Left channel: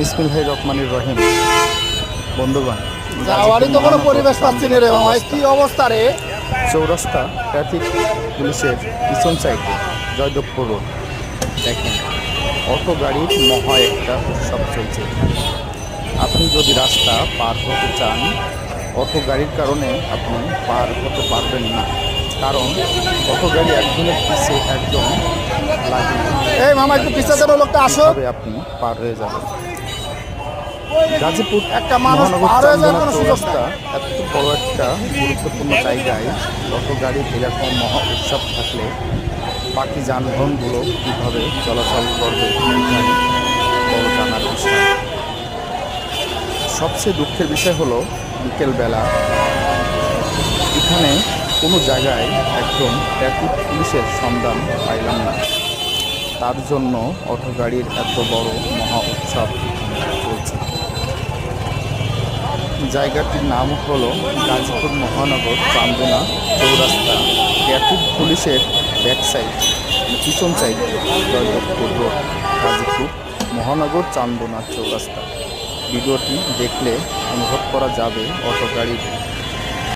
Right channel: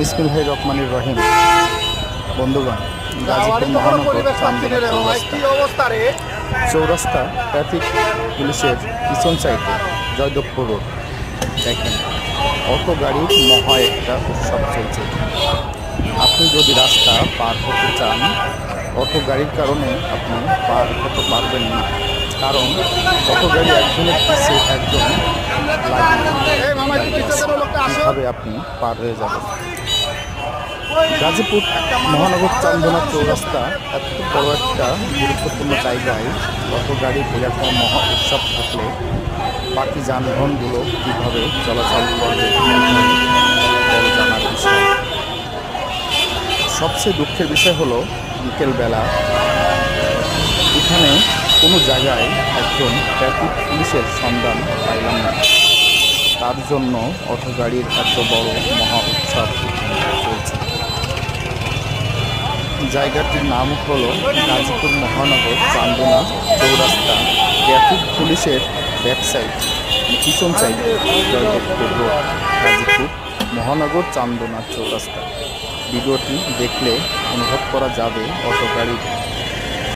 বিসমিল্লাহির রহমানির রহিম। বন্ধুগণ, গাজীপুর মহানগর চৌরাস্তা ট্রাফিক পুলিশের পিছন সাইডে জয়দেবপুর রোড। দেখেন, অটো গাড়ির মহা একটা উৎসব চলছে এখানে। আপনি যদি রাস্তা পার হতে চান, অটো গাড়ির কারণে আপনি পার হতে পারবেন না, কারণ অটো গাড়ি একজনের পিছে একজন লাগিয়ে আপনি পার হয়ে যাবেন। গাজীপুর মহানগর চান্দনা চৌরাস্তা এত বড় একটা গুরুত্বপূর্ণ জায়গায় অটো গাড়ির এরকম মহা উৎসব থাকলে বাকি যানবাহনগুলো কীভাবে চলাচল করবে, বড় জানার বিষয়। সবচেয়ে দুঃখের বিষয় হলো বিকেলবেলা এখানে কোনো জায়গায় একজন ট্রাফিক পুলিশের সন্ধান পাইলাম না। তার জন্য অটো গাড়ির এত বড় মহা উৎসব চলছে। জায়গাটির নাম হলো গাজীপুর মহানগর চান্দনা চৌরাস্তা, ট্রাফিক পুলিশের ব্যাক সাইড, পিছন সাইড জয়দেবপুর রোড, গাজীপুর মহানগর চান্দনা চৌরাস্তা। ভিডিওটি দেখলে অনুভব করা যাবে অটো গাড়ির